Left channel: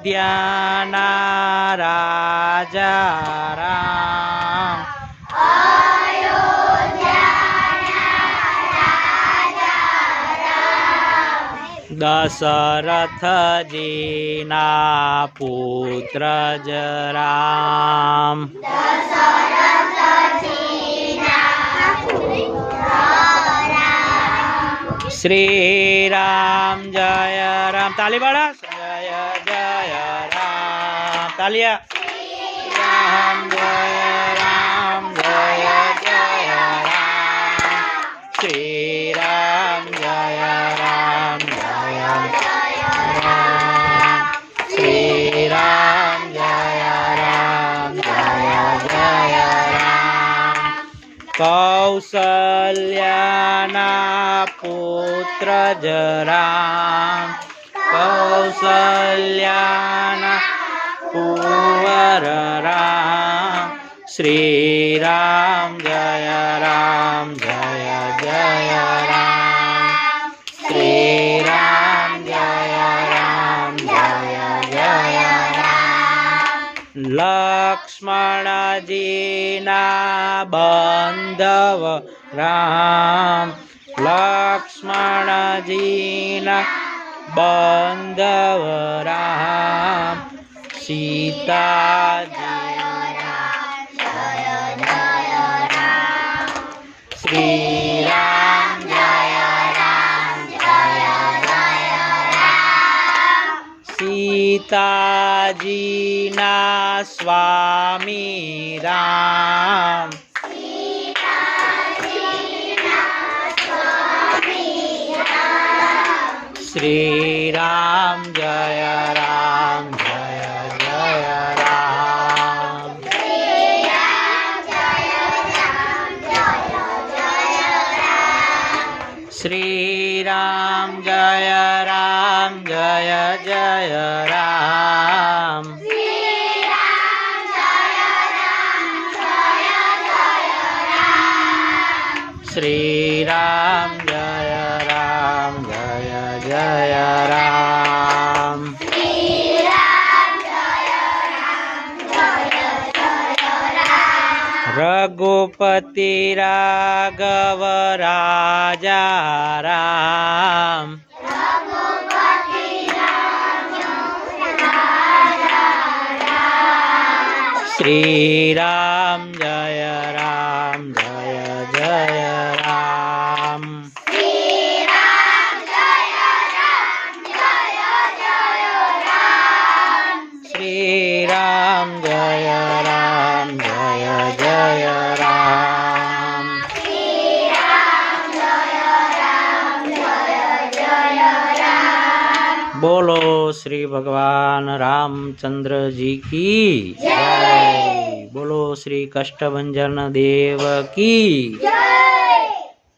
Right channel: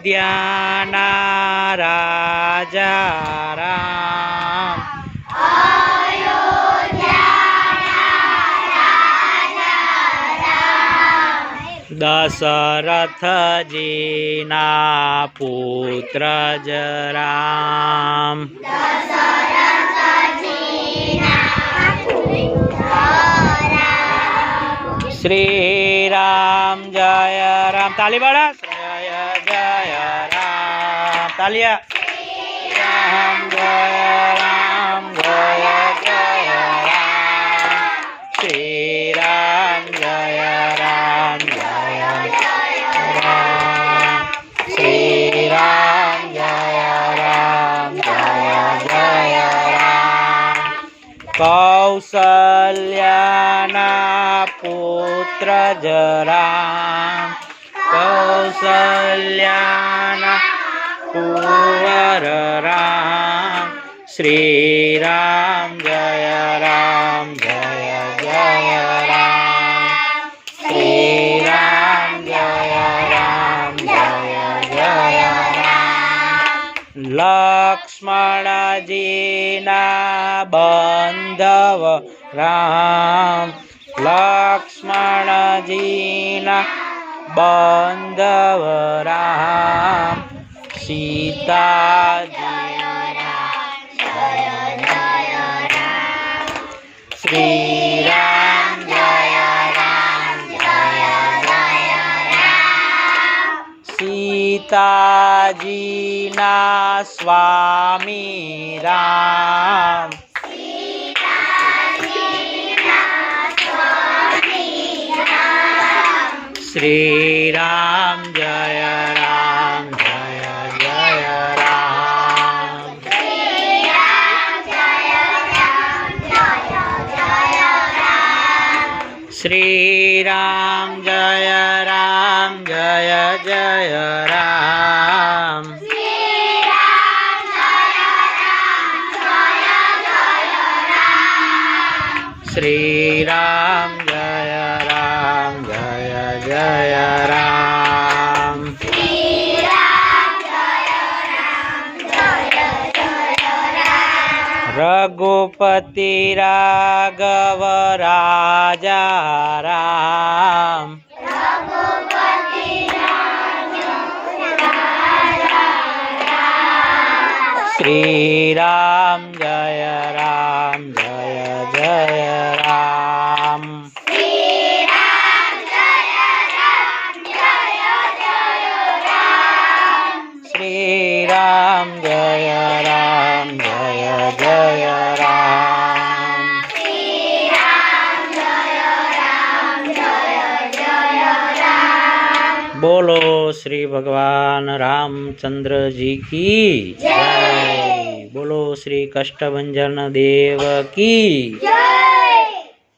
અયોધ્યાના રાજા રામ, દશરથજીના પુત્ર જ રામ, શ્રી રામ જય રામ. તાલી બાળા, જય જય રામ. તાલિયા. રામ જય રામ, જય જય રામ. શ્રી રામ જય રામ, જય રામ. શ્રી રામ જય રામ, જય જય રામ. કૌશલ્યાના પુત્ર જ રામ, કૌશલ્યાના કુંવર રામ. શ્રી રામ જય રામ, જય જય રામ. શ્રી રામ જય રામ, જય જય રામ. લક્ષ્મણજીના બાંધવ રામ, લક્ષ્મણજીના બાંધવ રામ. સીતાજીના જય જય રામ. શ્રી રામ જય રામ, જય જય રામ. સીતાજીના સ્વામી રામ, શ્રી રામ જય રામ, જય જય રામ. શ્રી રામ જય રામ, જય જય રામ. શ્રી રામ જય રામ, જય જય રામ. રઘુપતિ રાઘવ રાજા રામ, શ્રી રામ જય રામ, જય જય રામ. શ્રી રામ જય રામ, જય જય રામ. બોલો શ્રી ભગવાન રામચંદ્ર જી की जय. बोलो श्री कष्टभंजन देव की जय.